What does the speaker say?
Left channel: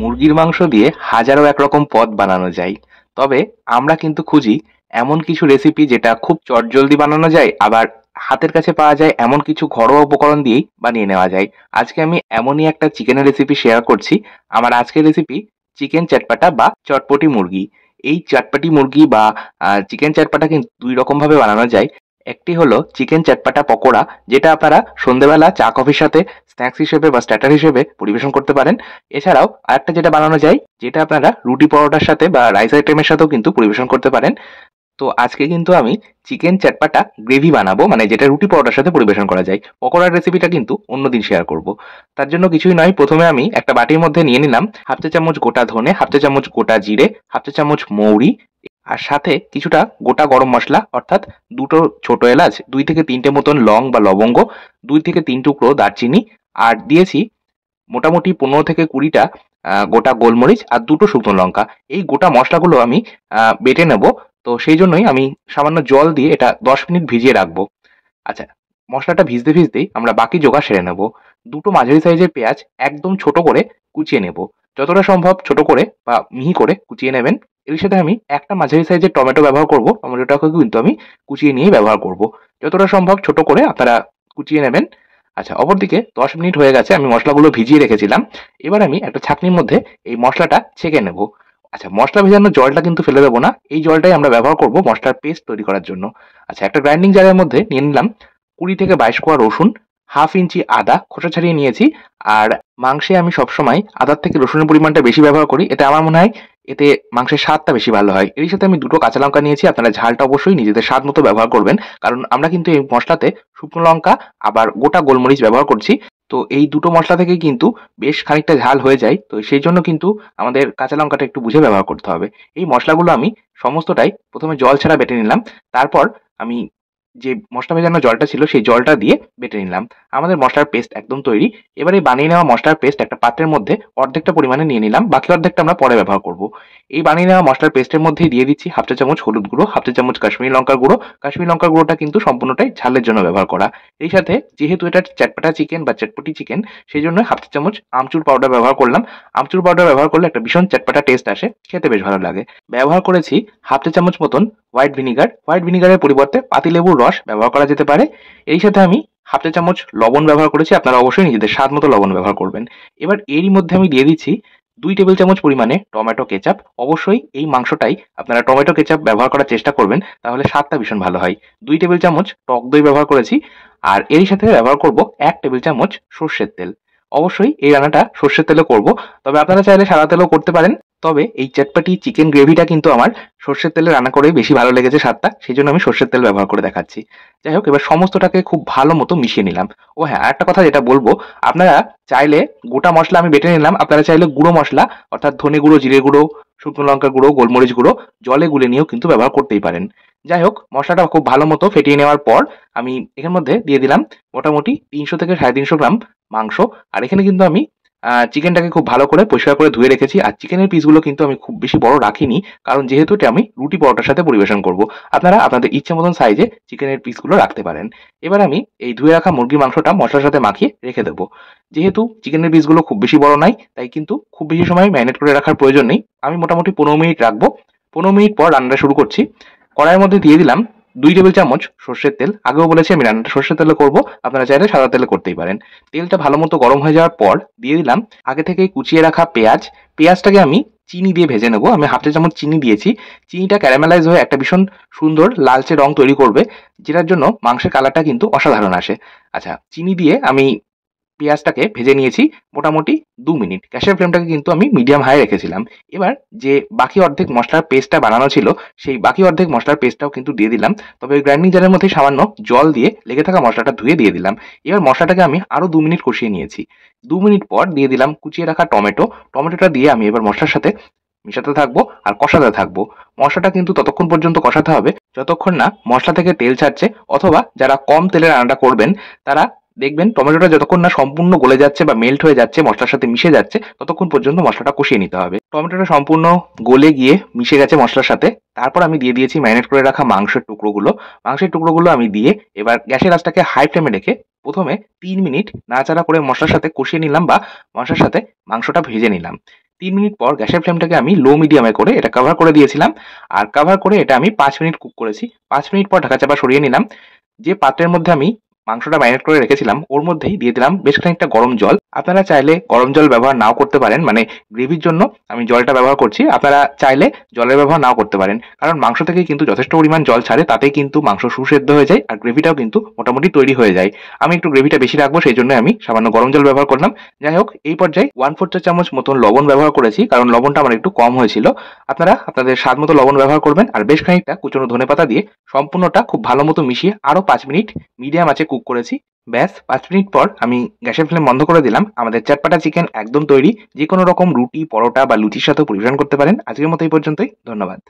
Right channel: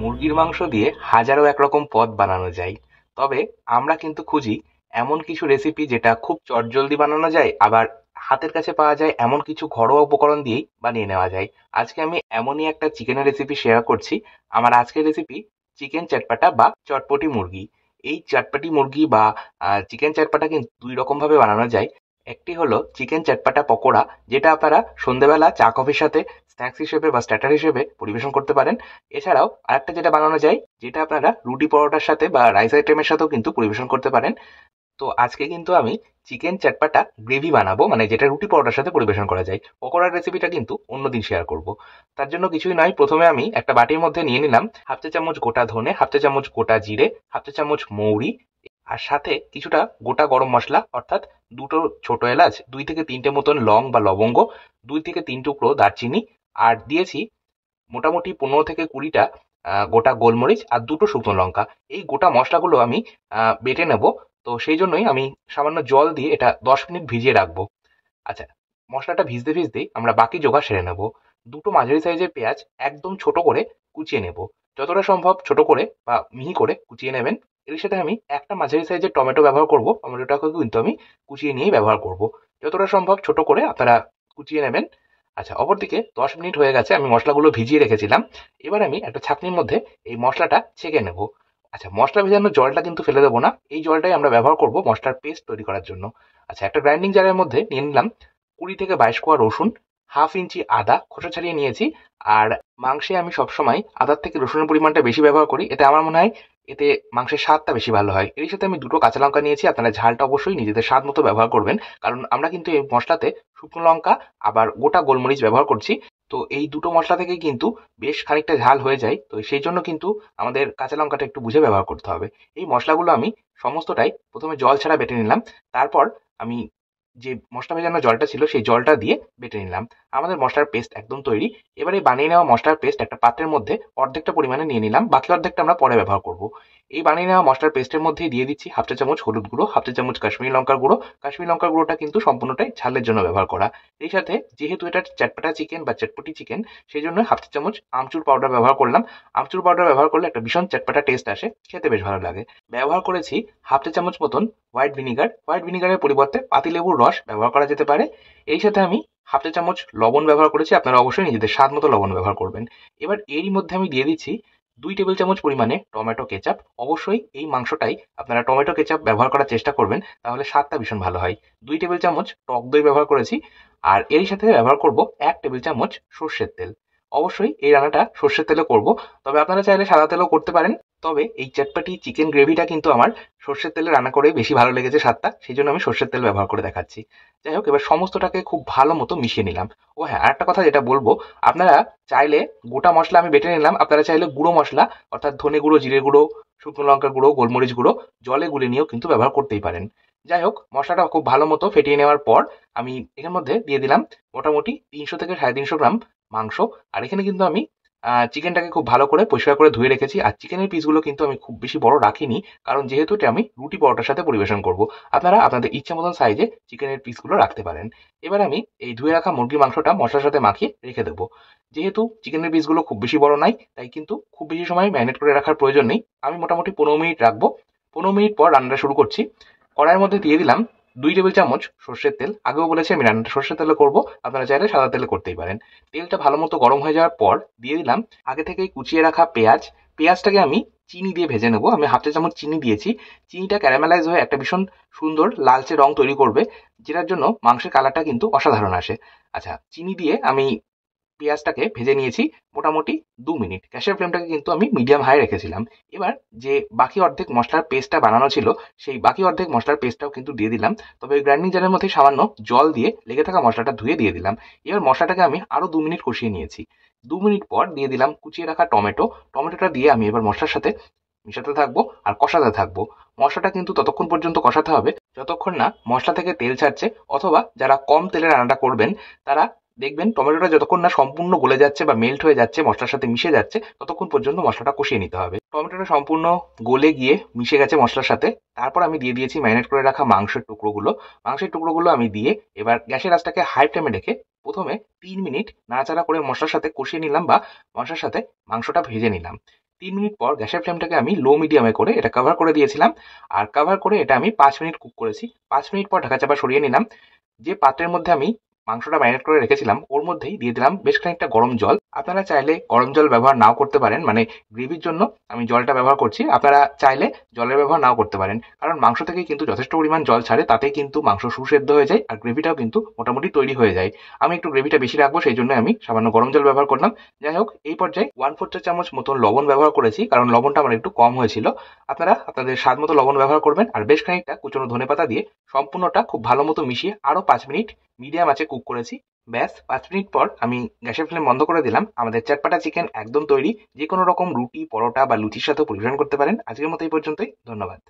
মুরগির মাংস দিয়ে হাজারো একরকম পদ বানানো যায়। তবে আমরা কিন্তু খুঁজি এমন কিছু রেসিপি যেটা খুব চটজলদি বানানো যায়, আবার হাতের কাছে পাওয়া যায় এমন কিছু ঘরোয়া উপকরণ দিয়েই বানিয়ে নেওয়া যায়। আজকে আমি এমনই একটা চিকেনের রেসিপি শেয়ার করছি। আমার আজকের রেসিপি চিকেন চটপাটা বা চটপটি মুরগি। এই চটপটি মুরগি বা চিকেন চটপাটা কিন্তু ২ রকমভাবে বানানো যায়। একটি হলো চিকেন চটপাটা পকোড়া, যেটা আপনারা সন্ধ্যেবেলা চা কফির সাথে স্ন্যাকস হিসেবে বা স্টার্টার হিসেবে পরিবেশন করতে পারেন। এছাড়াও আরেকটা যেটা বানানো যায়, যেটা আপনারা রুটি পরোটার সাথে বা রাইস আইটেমের সাথেও কিন্তু পরিবেশন করতে পারেন। তো আজকে কিন্তু আমি চিকেন চটপাটা গ্রেভি বানাবো, মানে যেটা রুটি পরোটার সাথে পরিবেশন করা যায়। পকোড়ার রেসিপিটা কিন্তু অন্যদিন শেয়ার করব। তার জন্য কিছুই নয়, প্রথমে আমি একটা বাটির মধ্যে নিয়ে নিলাম হাফ চা চামচ গোটা ধনে, হাফ চা চামচ গোটা জিরে, হাফ চা চামচ মৌরি, আর সাথে কিছুটা গোটা গরম মসলা অর্থাৎ দুটো ছোট এলাচ, ২ থেকে ৩টে মতন লং বা লবঙ্গ, ২ থেকে ৩ টুকরো দারচিনি, আর দিয়েছি মোটামুটি ১৫ থেকে ২০টা গোটা গোলমরিচ আর দুটো শুকনো লঙ্কা। এই গোটা মশলাগুলো আমি বেটে নেব। তো সেই জন্যই আমি সামান্য জল দিয়ে এটা ১০ মিনিট ভিজিয়ে রাখবো। আচ্ছা, মসলাটা ভিজতে ভিজতেই আমরা বাকি জোগাড় সেরে নেব। দুটো মাঝারি সাইজের পেঁয়াজ একদম ছোট করে কুচিয়ে নেব। যতটা সম্ভব ছোট করে বা মিহি করে কুচিয়ে নেবেন। এর সাথে আমি একটা মাঝারি সাইজের টমেটো ব্যবহার করব। টমেটোটাকে কিন্তু আমি কুচিয়ে নিয়েই ব্যবহার করব। যতটা সম্ভব ছোট করে আপনারা কুচিয়ে নেবেন। আচ্ছা, অপরদিকে ১০ মিনিট হয়ে গেছে, আমি মসলাগুলো ভিজিয়ে রেখেছিলাম। এবার আমি একটা ছাঁকনির মধ্যে এই মসলাটা ছেঁকে নেব। আচ্ছা, মসলা ভেজানোর জলটা কিন্তু ফেলে দেবো না। এই জলটাই আমরা ব্যবহার করব মসলার পেস্ট তৈরি করার জন্য। আচ্ছা, একটা গ্রাইন্ডিং জারের মধ্যে নিয়ে নিলাম ২০ থেকে ২২ কোয়া রসুন, হাফ ইঞ্চি আদা খোসা ছাড়িয়ে নিয়েছি। আর মাংসে আমি সবসময় আদার থেকে রসুনের পরিমাণটা বেশি ব্যবহার করি। এতে আমার মনে হয় এতে মাংসের স্বাদটা বেশি ভালো হয়। এর সাথে আমি দুটো কাঁচা লঙ্কা নিয়েছি। আপনারা ঝালটা অবশ্যই নিজেদের স্বাদ মতো ব্যবহার করবেন। কারণ আমরা কিন্তু এই মসলাতে শুকনো লঙ্কা আবার গোটা গোলমরিচ ব্যবহার করছি। তো এই দুটো মসলা থেকেই কিন্তু বেশ খানিকটা ঝাল হয়ে যায়। তো সেই জন্য কিন্তু আমাদের কাঁচা লঙ্কাটা একটু বুঝে ব্যবহার করতে হবে। এই মসলাগুলো আমি সমস্তটাই প্রথমে জল ছাড়া বেটে নিলাম। তারপর আমি যে মসলা ভেজানো জলটা ছিল সেই জলটা দিয়ে বেটে নিলাম। আমাদের মসলার পেস্ট একদম তৈরি। এবার এই বানিয়ে নেওয়া মসলার পেস্ট একটা পাত্রের মধ্যে অর্ধেকটা পরিমাণে নিয়ে নিলাম। বাকি অর্ধেকটা আমরা পরে ব্যবহার করব। এই বানিয়ে নেওয়া মসলার পেস্টের মধ্যেই দিয়ে দিচ্ছি হাফ চা চামচ হলুদ গুঁড়ো, হাফ চা চামচ কাশ্মীরি লঙ্কার গুঁড়ো। কাশ্মীরি লঙ্কার গুঁড়োটা কিন্তু সম্পূর্ণটাই ঝালের জন্য ব্যবহার করা। এই সাথে যেহেতু এটা চটপটা চিকেন বা চটপটি চিকেন, সেই জন্য হাফ চা চামচ আমচুর পাউডার ব্যবহার করলাম। আমচুর পাউডার ব্যবহার করলে একটা ভীষণ চটপটা টেস্ট আসে, খেতে বেশ ভালো লাগে। ব্যবহার করেছি হাফ চা চামচ মতন হোয়াইট ভিনিগার। হোয়াইট ভিনিগারের পরিবর্তে পাতিলেবুর রস ব্যবহার করা যেতে পারে। এই সাথে আমি হাফ চা চামচ লবণ ব্যবহার করেছি। আপনারা অবশ্যই নিজেদের স্বাদ মতো লবণ ব্যবহার করবেন। এবার এরই মধ্যে আমি দিয়ে দিচ্ছি ২ টেবিল চামচ পরিমাণে টমেটো কেচাপ। অবশ্যই এই মাংসটাই আপনারা টমেটো কেচাপ ব্যবহার করার চেষ্টা করবেন, তাহলে স্বাদটা ভীষণ ভালো হয়। ২ টেবিল চামচ টক দই ব্যবহার করেছি। আর এরই সাথে ব্যবহার করব ১ টেবিল চামচ সর্ষের তেল। অবশ্যই এই রান্নাটা সর্ষের তেলে করব, তবে আপনারা চাইলে সাদা তেলেও করতে পারেন। তবে এই চটপটি চিকেন গ্রেভিটা কিন্তু আমার সর্ষের তেলে রান্না করেই বেশি ভালো লেগেছে স্বাদটা, সেই জন্য আমি সর্ষের তেল ব্যবহার করে দেখাচ্ছি। যাই হোক, এবার সমস্তটাকে খুব ভালো মতো মিশিয়ে নিলাম। ও হ্যাঁ, আরেকটা কথা যেটা বলবো, আপনারা চাইলে গোটা মসলা আমি বেটে নিলাম, আপনারা চাইলে গুঁড়ো মসলা অর্থাৎ ধনে গুঁড়ো, জিরে গুঁড়ো, শুকনো লঙ্কা গুঁড়ো, গোলমরিচ গুঁড়ো জলে গুলে নিয়েও কিন্তু ব্যবহার করতেই পারেন। যাই হোক, মশলাটা খুব ভালো মতো ফেটিয়ে নেওয়ার পর আমি এখানের মধ্যে দিয়ে দিলাম মোটামুটি ৩০০ থেকে ৩৫০ গ্রাম মাংস। আর এখানে কিন্তু আমি চিকেনটাকে খুব ভালো করে পরিষ্কার করে ধুয়ে রেখেছি। আর চিকেনের পিসগুলো কিন্তু আমি খুব বেশি বড় রাখিনি, কারণ যেহেতু এটা আমি রুটি পরোটার সাথে পরিবেশন করব। আপনারা আপনাদের ইচ্ছে মতন সাইজে চিকেনের পিসগুলো রাখতে পারেন। এবার আমি এই ধুয়ে রাখা মুরগির মাংসটা মশলার সাথে মাখিয়ে রেখে দেবো। যেহেতু চিকেনের পিসগুলো খুব বেশি বড় নাই, তাই কিন্তু খুব বেশি সময় ম্যারিনেট করে রাখার প্রয়োজন নেই। আমি মোটামুটি ১৫ মিনিট রাখবো। ১৫ মিনিট পর রান্নাটা শুরু করছি। কড়াইয়ের মধ্যে দিয়ে দিলাম ২ টেবিল চামচ সর্ষের তেল। আগেও বলেছি আমি রান্নাটা সর্ষের তেলে করব, আপনারা চাইলে সাদা তেলে করতেই পারেন। তেলটা ভালো মতো গরম হয়ে যাওয়ার পর দিয়ে দিলাম আগে থেকেই কুচিয়ে রাখা পেঁয়াজ। পেঁয়াজটাকে আমি চিনি দিয়ে ভেজে নেব। আমি হাফ চা চামচ চিনি দিয়েছি। চিনিটা ক্যারামেলাইজ হয়ে একটা ভীষণ সুন্দর লালচে রং তৈরি করবে, যেটার জন্য মাংসের কালারটা কিন্তু অসাধারণ আসে। আচ্ছা, চিনি দিয়ে আমি পেঁয়াজটাকে ভেজে নিয়েছি মোটামুটি ২ মিনিট। গ্যাসের ফ্লেমটাকে কিন্তু আমি মিডিয়াম হাই রেখেছিলাম। এবার যে বাকি অর্ধেক মসলার পেস্টটা বানানো ছিল, সেই বাকি অর্ধেক মসলার পেস্টটাও কিন্তু দিয়ে দিলাম। তবে ওই গ্রাইন্ডিং জারের মধ্যে সামান্য জল দিয়ে লেগে থাকা মসলাটা ধুয়ে দিয়ে দিলাম। এবার মসলাটাকে আমি আরও ২ মিনিট কষিয়ে নিয়েছি। ২ মিনিট পর দিয়ে দিলাম কুচিয়ে রাখা টমেটো। টমেটোটা দিয়ে আমি এবার মসলার সাথে মেশাতে থাকবো আর কষাতে থাকবো। মশলাটা কিন্তু ততক্ষণ পর্যন্ত কষাতে হবে যতক্ষণ না মশলা থেকে তেল ছাড়ছে, অথবা যারা কম তেলে রান্নাটা করবেন তারা দেখবেন টমেটোটা যতক্ষণ না সম্পূর্ণ গলে যাচ্ছে বা মেল্ট হয়ে যাচ্ছে, মশলার সাথে মিশে যাচ্ছে, ততক্ষণ পর্যন্ত মশলাটা কষিয়ে নিতে হবে। টমেটোটা সম্পূর্ণ গলে গিয়ে মিশে গেছে মশলার সাথে। তারপর আমি দিয়ে দিয়েছি ম্যারিনেট করে রাখা মাংসের টুকরোগুলো। মাংসের টুকরোগুলো আমি দিয়ে এবার গ্যাসের আঁচটাকে হাই ফ্লেমে রেখে প্রথমে ৩ মিনিট নাড়াচাড়া করে মশলার সাথে কষিয়ে নিলাম বা মশলার সাথে মাংসটা ভেজে নিলাম। 3 মিনিট পর গ্যাসের ফ্লেমটাকে আমি লো মিডিয়ামে করে এটা কভার করে দিয়েছিলাম। আর কভার করে এটা আমি 5 মিনিট কুক করেছি। 5 মিনিট পর ঢাকা চাপা সরিয়ে নিলাম। যে পাত্রের মধ্যে আমি মাংসটা ম্যারিনেট করে রেখেছিলাম ওর মধ্যেই দিয়ে দিলাম বেশ খানিকটা গরম জল। আপনারা চাইলে গরম জল ব্যবহার নাও করতে পারেন, মানে গ্রেভির জন্য আমি জলটা ব্যবহার করছি। আপনারা চাইলে জলের ব্যবহার নাও করতে পারেন, কারণ মাংস থেকে কিন্তু যথেষ্ট পরিমাণ জল ছাড়ে, তাতেই কিন্তু মাংস সুসেদ্ধ হয়ে যায় আর গ্রেভিটাও কিন্তু মোটামুটি তৈরি হয়ে যায়। আমি একটু গ্রেভিটা বেশি রাখবো, সেই জন্য আমি সামান্য গরম জল ব্যবহার করলাম। যাই হোক, এই পর্যায়ে 1/4 চা চামচ মতন লবণ ব্যবহার করেছি, কারণ লবণটা আমার একটু কম হয়েছিল। আপনারা আপনাদের স্বাদ মতো লবণ ব্যবহার করবেন আর বেশ খানিকটা কুচনো ধনেপাতা দিয়ে সম্পূর্ণটা খুব ভালো মতো মিশিয়ে আরো 5 মিনিট মিডিয়াম আঁচে কুক করেছি। ব্যাস 5 মিনিট পর আমি গ্যাসের ফ্লেম বন্ধ করে দিলাম। আমাদের চটপাটা চিকেন একদম তৈরি। যে কোনো রকম রুটি, পরোটা বা লুচির সাথেও পরিবেশন করতে পারেন। আজকের মতো এই পর্যন্তই। ধন্যবাদ।